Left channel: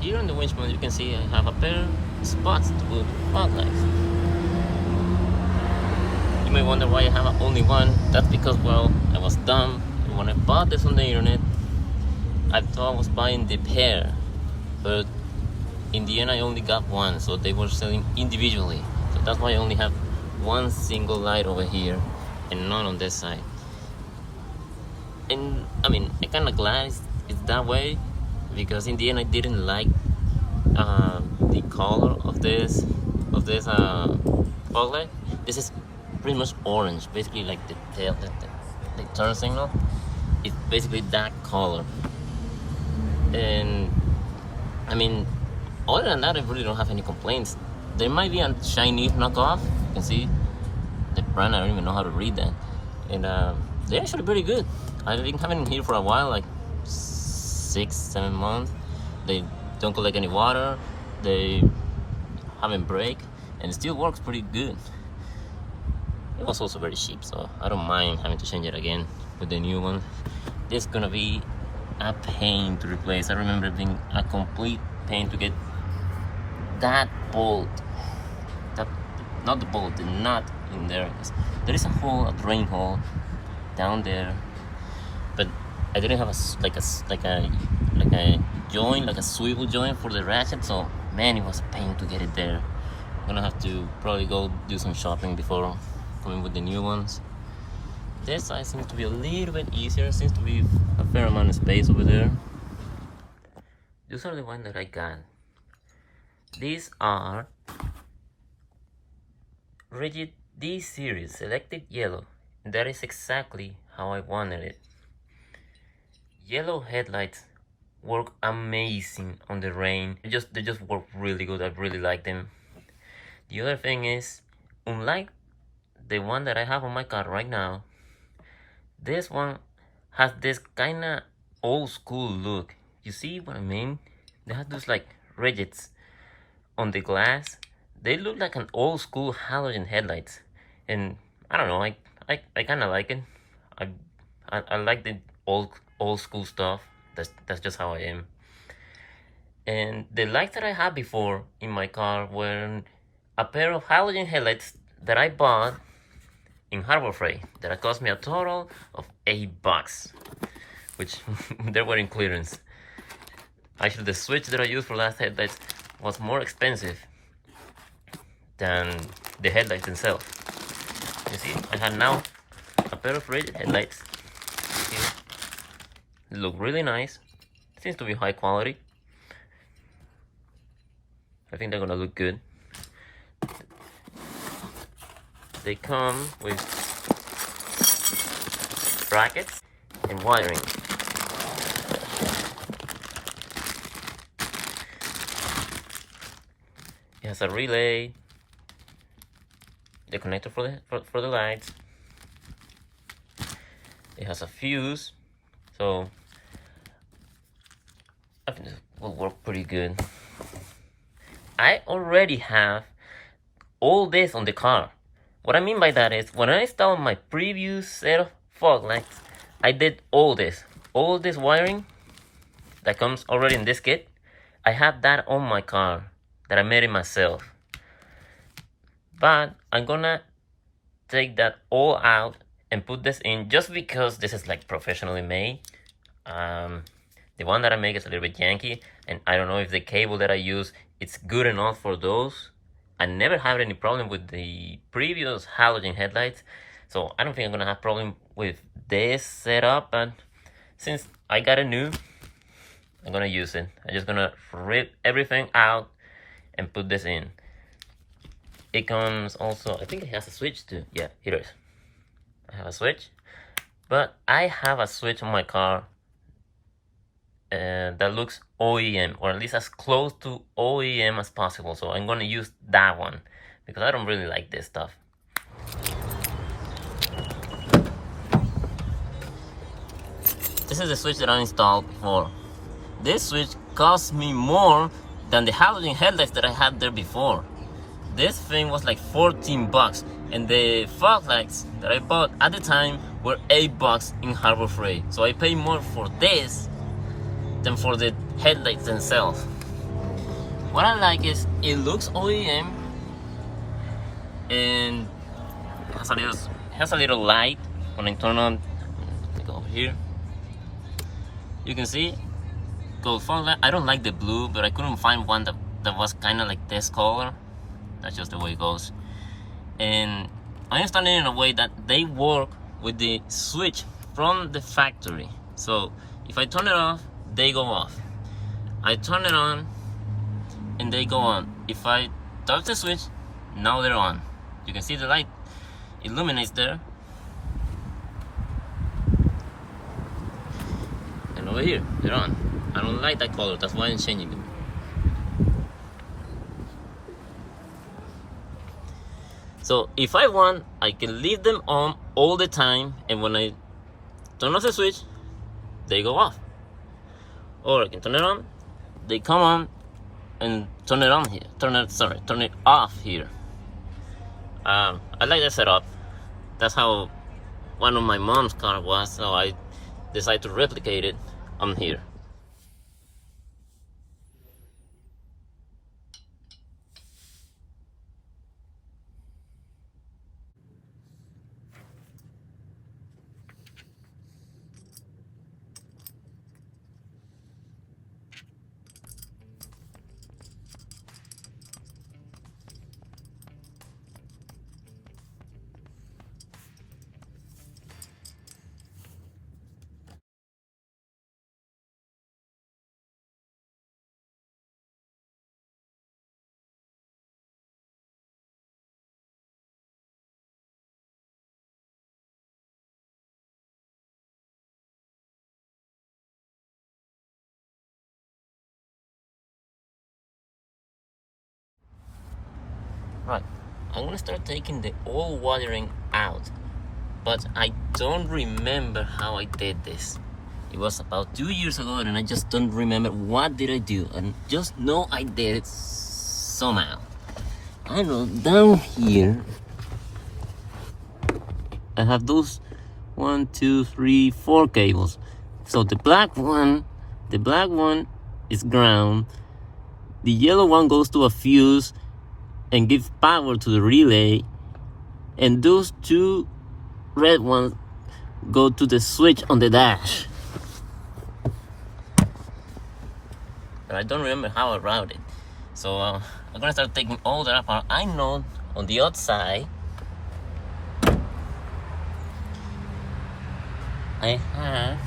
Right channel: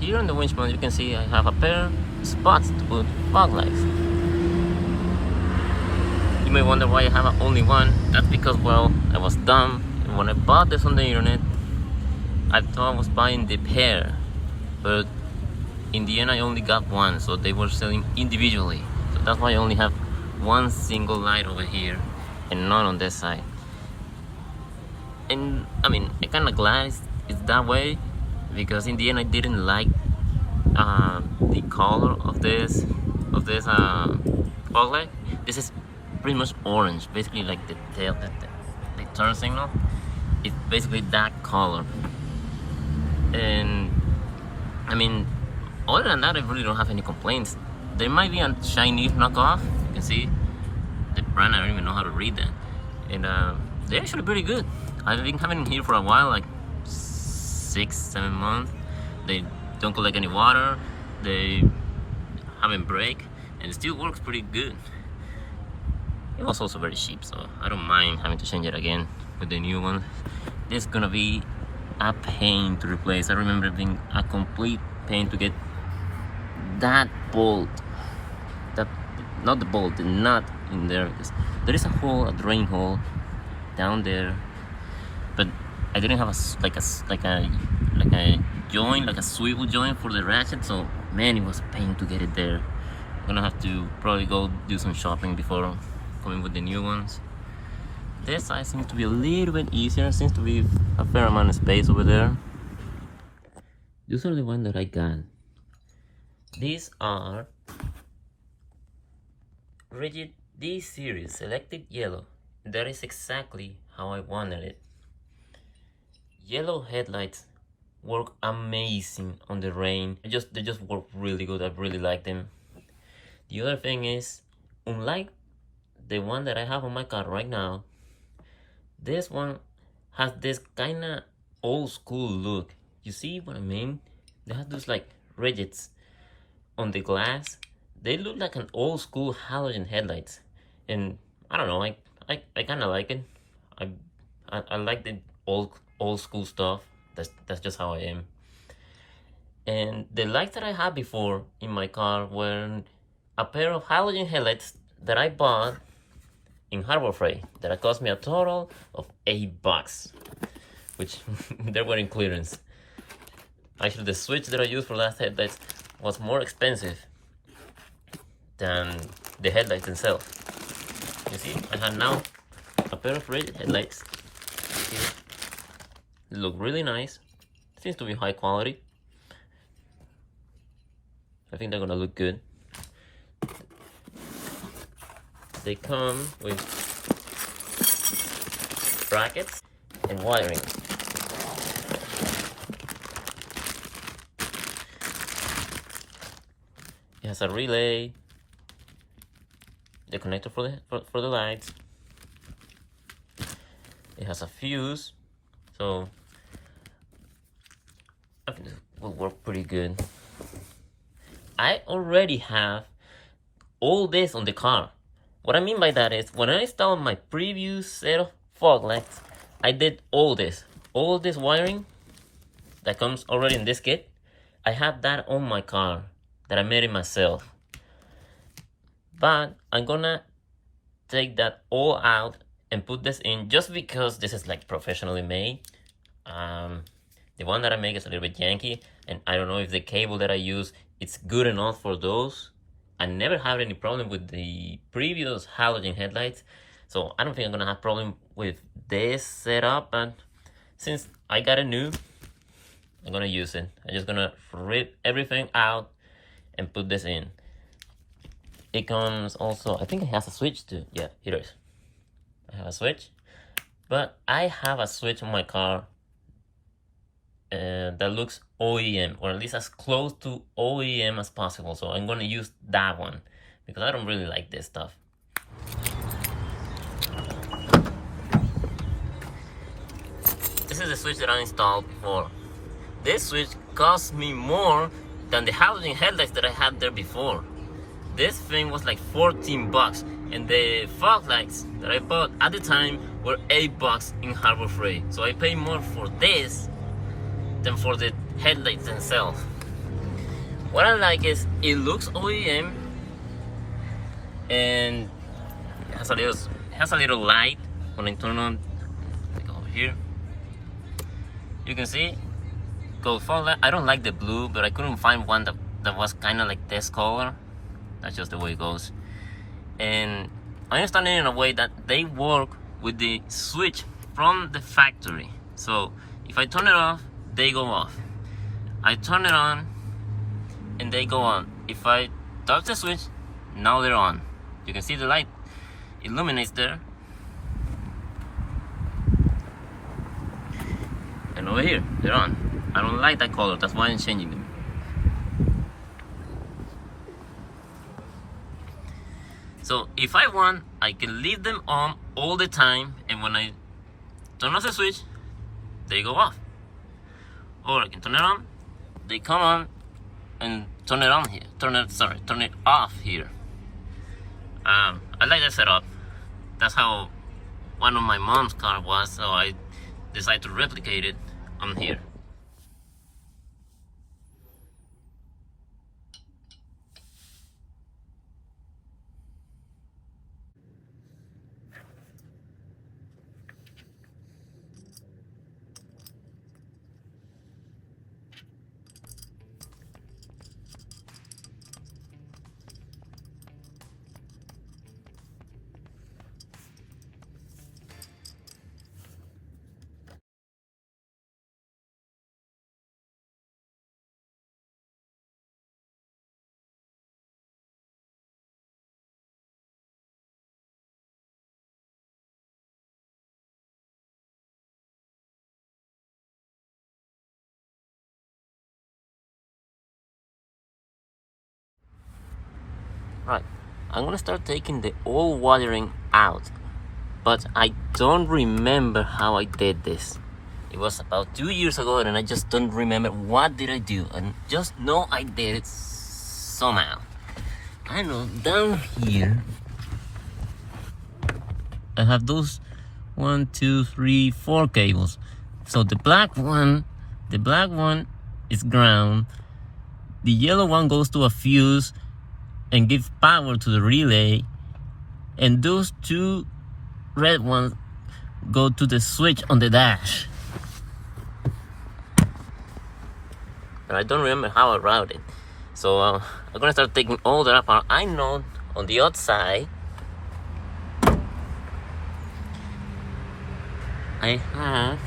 here on the winch mount, you can see I have a pair of spots to put fog lights. You may wonder why I have only one. That's because, well, I was dumb, and when I bought this on the internet, I thought I was buying the pair, but in the end I only got one, so they were selling individually. So that's why I only have one single light over here and none on this side. And I mean, I kind of glad it's that way, because in the end I didn't like the color of this fog light. This is pretty much orange, basically like the tail, the turn signal. It's basically that color. And I mean, other than that, I really don't have any complaints. There might be a Chinese knockoff. You can see the brand, I don't even know how to read that. And they're actually pretty good. I've been having them here for a while, like 6-7 months. They don't collect any water, they haven't break, and it still works pretty good. It was also very cheap, so I don't mind having to change it again with the new one. This is gonna be a pain to replace. I remember it being a complete pain to get that bolt, not the bolt, the nut in there, because there is a hole, a drain hole down there, but I didn't have a joint, like a swivel joint for the ratchet, so man, it was a pain to get it there. I'm gonna have to probably go do some shopping before coming with the new ones. This side seems to be a little bit easier, seems to be a fair amount of space over there. These are the ones that I got. These are Rigid D series selected yellow. That is exactly how I wanted it. Yellow headlights work amazing on the rain. They just work really good. I really like them. The other thing is, unlike the one that I have on my car right now, this one has this kind of old school look. You see what I mean? They have those like rigids on the glass. They look like an old school halogen headlights, and I don't know, I kind of like it. I like the old school stuff. That's just how I am. And the lights that I had before in my car were a pair of halogen headlights that I bought in Harbor Freight that cost me a total of $8, which they were in clearance. Actually, the switch that I used for last headlights was more expensive than the headlights themselves. You see, I have now a pair of rated headlights. Here. They look really nice. Seems to be high quality. I think they're gonna look good. They come with brackets and wiring. It has a relay, the connector for the lights. It has a fuse, so I think it will work pretty good. I already have all this on the car. What I mean by that is, when I installed my previous set of fog lights, I did all this wiring that comes already in this kit. I have that on my car that I made it myself. But I'm gonna take that all out and put this in, just because this is like professionally made. The one that I make is a little bit janky, and I don't know if the cable that I use it's good enough for those. I never had any problem with the previous halogen headlights, so I don't think I'm gonna have problem with this setup. But since I got a new, I'm gonna use it. I'm just gonna rip everything out and put this in. It comes also, I think it has a switch too. Yeah, here it is. I have a switch, but I have a switch on my car that looks OEM, or at least as close to OEM as possible. So I'm gonna use that one because I don't really like this stuff. This is the switch that I installed before. This switch cost me more than the halogen headlights that I had there before. This thing was like $14, and the fog lights that I bought at the time were $8 in Harbor Freight. So I paid more for this than for the headlights themselves. What I like is it looks OEM and has a little light. When I turn on, like over here, you can see go full light. I don't like the blue, but I couldn't find one that was kind of like this color. That's just the way it goes. And I installed it in a way that they work with the switch from the factory. So if I turn it off, they go off. I turn it on and they go on. If I touch the switch, now they're on. You can see the light illuminates there. And over here, they're on. I don't like that color, that's why I'm changing them. So if I want, I can leave them on all the time, and when I turn off the switch, they go off. Or I can turn it on, they come on, and turn it on here. Turn it off here. I like that setup. That's how one of my mom's car was, so I decided to replicate it on here. Right, I'm gonna start taking the old wiring out, but I don't remember how I did this. It was about 2 years ago and I just don't remember what did I do, and just know I did it somehow. I know down here I have those 1, 2, 3, 4 cables. So the black one is ground, the yellow one goes to a fuse and gives power to the relay, and those 2 red ones go to the switch on the dash. And I don't remember how I routed it. So I'm gonna start taking all that apart. I know on the outside I have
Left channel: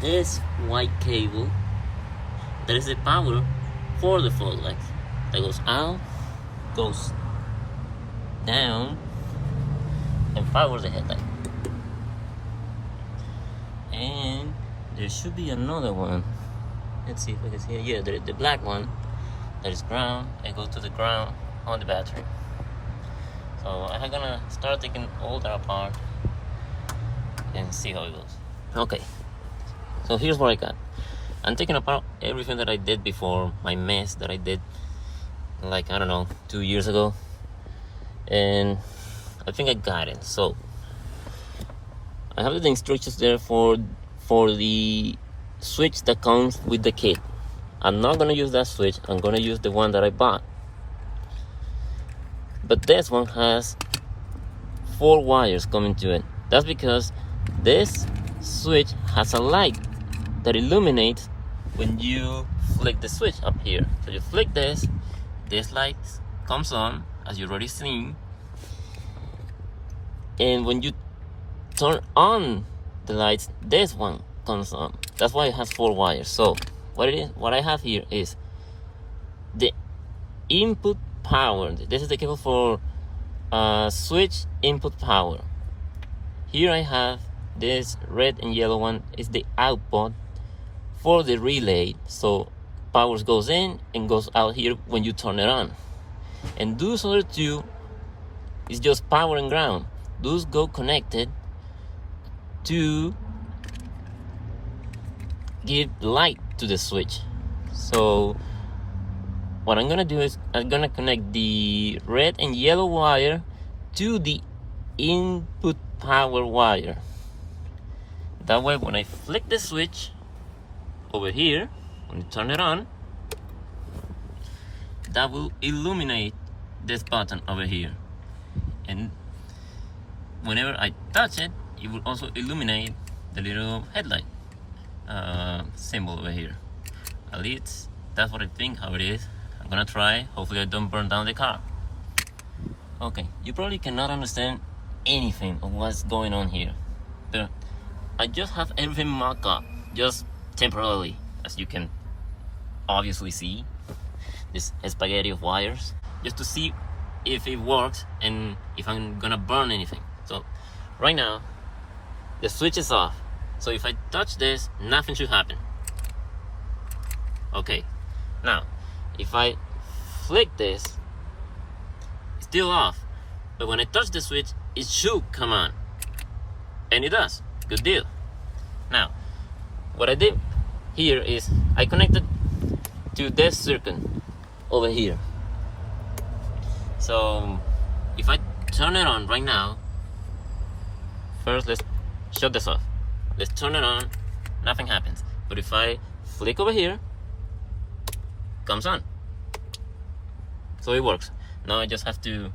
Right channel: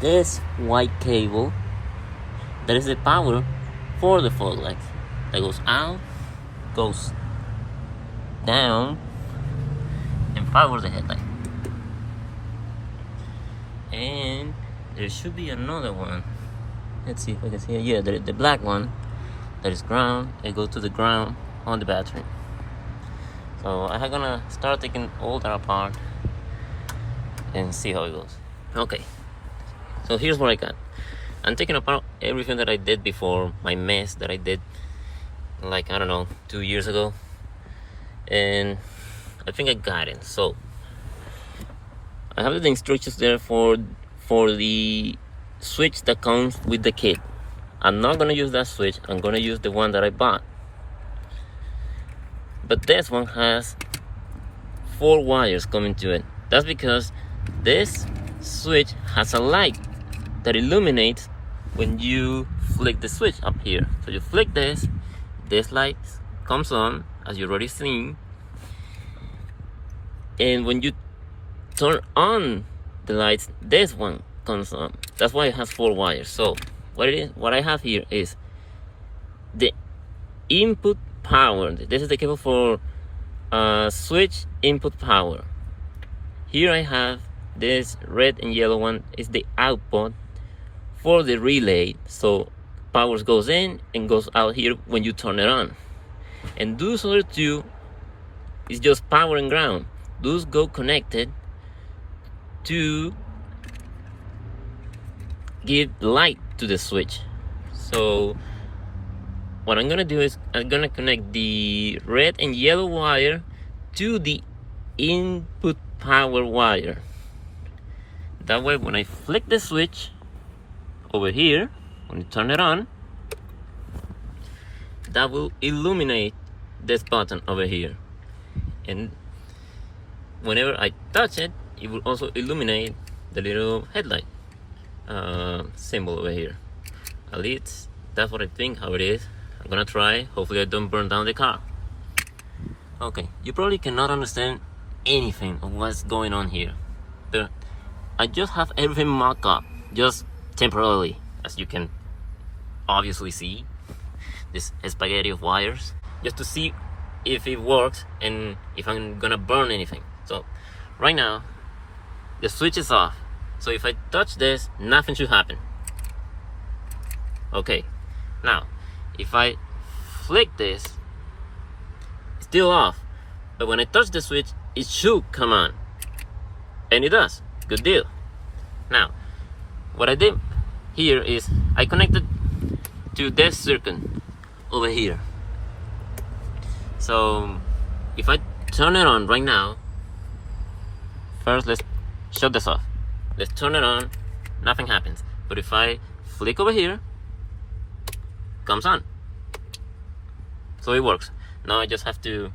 this white cable that is the power for the fog lights. That goes out, goes down, and powers the headlight. And there should be another one. Let's see if I can see it. Yeah, the black one that is ground. It goes to the ground on the battery. So I'm gonna start taking all that apart and see how it goes. Okay, so here's what I got. I'm taking apart everything that I did before, my mess that I did like, I don't know, 2 years ago, and I think I got it. So I have the instructions there for the switch that comes with the kit. I'm not gonna use that switch. I'm gonna use the one that I bought, but this one has 4 wires coming to it. That's because this switch has a light that illuminates when you flick the switch up here. So you flick this light comes on, as you already seen, and when you turn on the lights, this one comes on. That's why it has 4 wires. So what I have here is the input power. This is the cable for switch input power. Here I have this red and yellow one is the output for the relay. So power goes in and goes out here when you turn it on. And those other 2 is just power and ground. Those go connected to give light to the switch. So what I'm gonna do is I'm gonna connect the red and yellow wire to the input power wire. That way when I flick the switch over here, when you turn it on, that will illuminate this button over here, and whenever I touch it, it will also illuminate the little headlight symbol over here. At least that's what I think how it is. I'm gonna try. Hopefully I don't burn down the car. Okay, you probably cannot understand anything of what's going on here, but I just have everything mocked up, just temporarily, as you can obviously see. This spaghetti of wires, just to see if it works and if I'm gonna burn anything. So right now the switch is off, so if I touch this, nothing should happen. Okay, now if I flick this, it's still off, but when I touch the switch, it should come on, and it does. Good deal. Now what I did here is I connected to this circuit over here. So if I turn it on right now, first let's shut this off. Let's turn it on, nothing happens. But if I flick over here, comes on. So it works. Now I just have to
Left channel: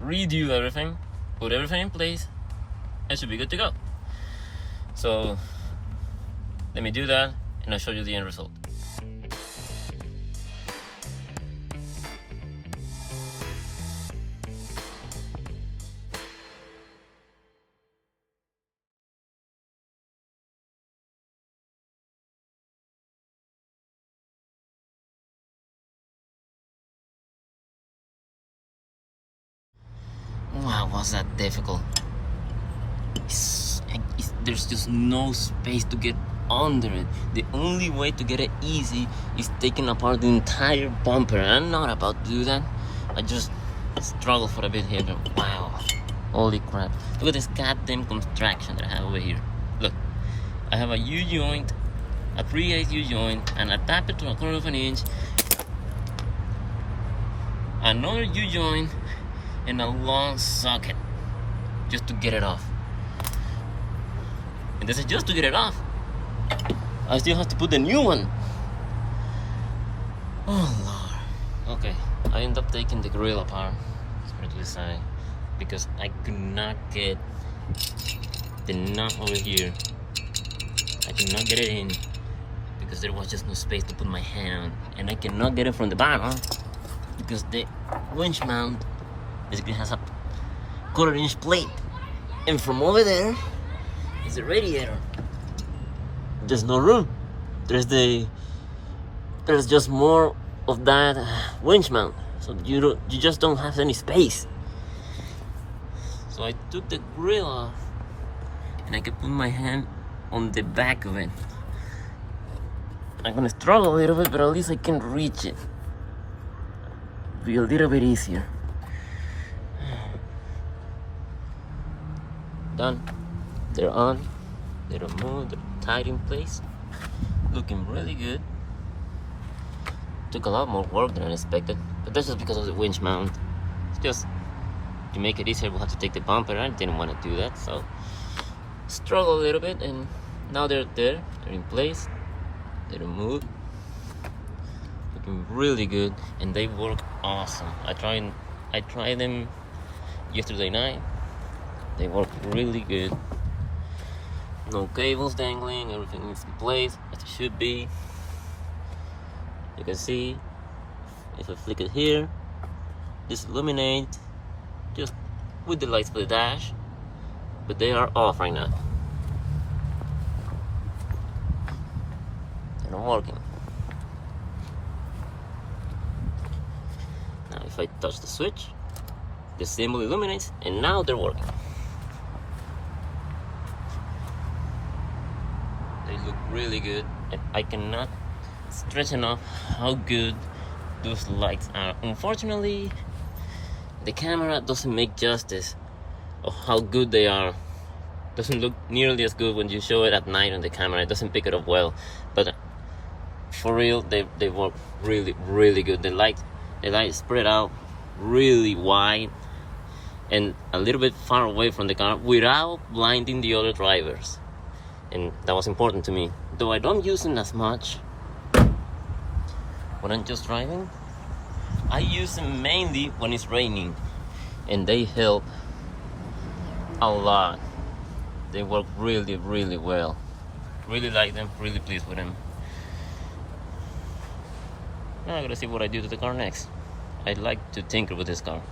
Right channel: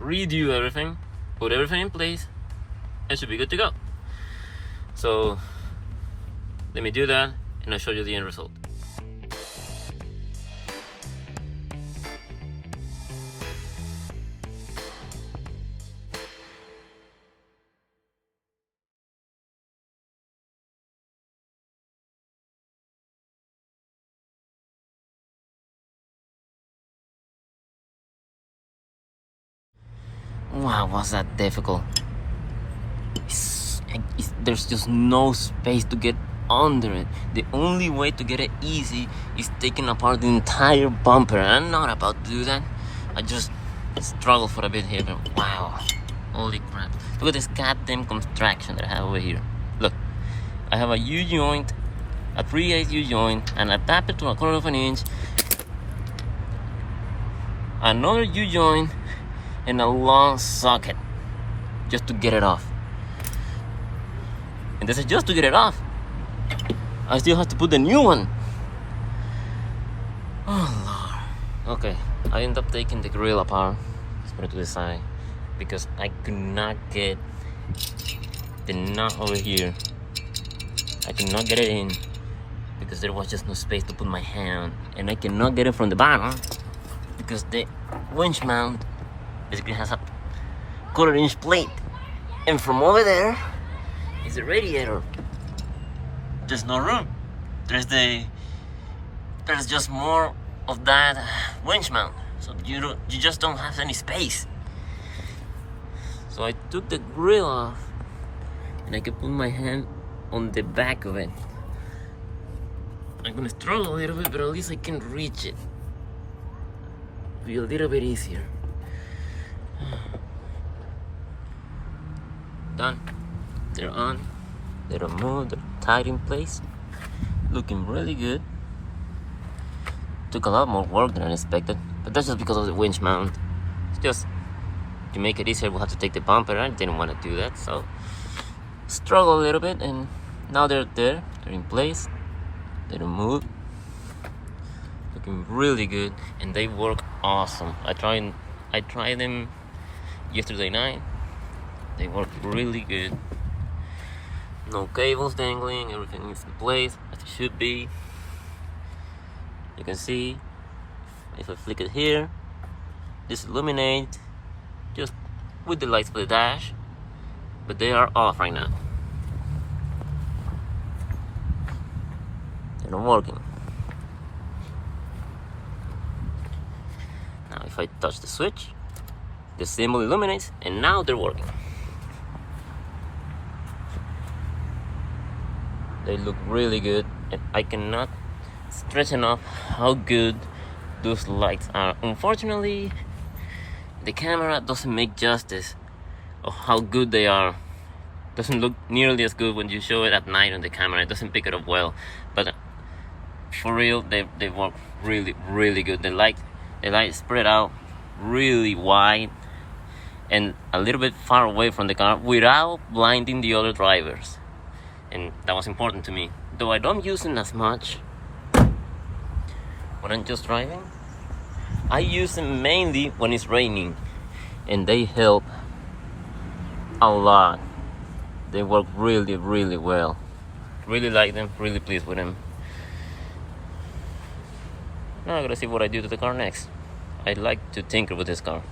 redo everything, put everything in place, and should be good to go. So let me do that and I'll show you the end result. Wow, was that difficult? There's just no space to get under it. The only way to get it easy is taking apart the entire bumper. I'm not about to do that. I just struggle for a bit here, but wow, holy crap. Look at this goddamn contraction that I have over here. Look, I have a U-joint, a 3/8 U-joint, and I tap it to 1/4 of an inch, another U-joint, and a long socket just to get it off. And this is just to get it off. I still have to put the new one. Oh Lord. Okay, I end up taking the grill apart, put it to the side, because I could not get the nut over here. I could not get it in because there was just no space to put my hand, and I cannot get it from the bottom because the winch mount basically has a 1/4 inch plate, and from over there is the radiator. There's no room. There's just more of that winch mount, so you just don't have any space. So I took the grill off and I could put my hand on the back of it. I'm gonna struggle a little bit, but at least I can reach it. Be a little bit easier. Done. They're on. They're removed. They're tied in place. Looking really good. Took a lot more work than I expected, but that's just because of the winch mount. It's just to make it easier, we'll have to take the bumper. I didn't want to do that, so struggle a little bit, and now they're there. They're in place. They're removed. Looking really good, and they work awesome. I tried them yesterday night. They work really good. No cables dangling, everything is in place as it should be. You can see, if I flick it here, this illuminates just with the lights for the dash, but they are off right now. They're not working. Now if I touch the switch, the symbol illuminates, and now they're working. They look really good, and I cannot stress enough how good those lights are. Unfortunately, the camera doesn't make justice of how good they are. Doesn't look nearly as good when you show it at night on the camera. It doesn't pick it up well, but for real, they work really, really good. The light spread out really wide and a little bit far away from the car without blinding the other drivers. And that was important to me. Though I don't use it as much, when I'm just driving. I use them mainly when it's raining, and they help a lot. They work really, really well. Really like them, really pleased with them. Now I gotta see what I do to the car next. I like to tinker with this car.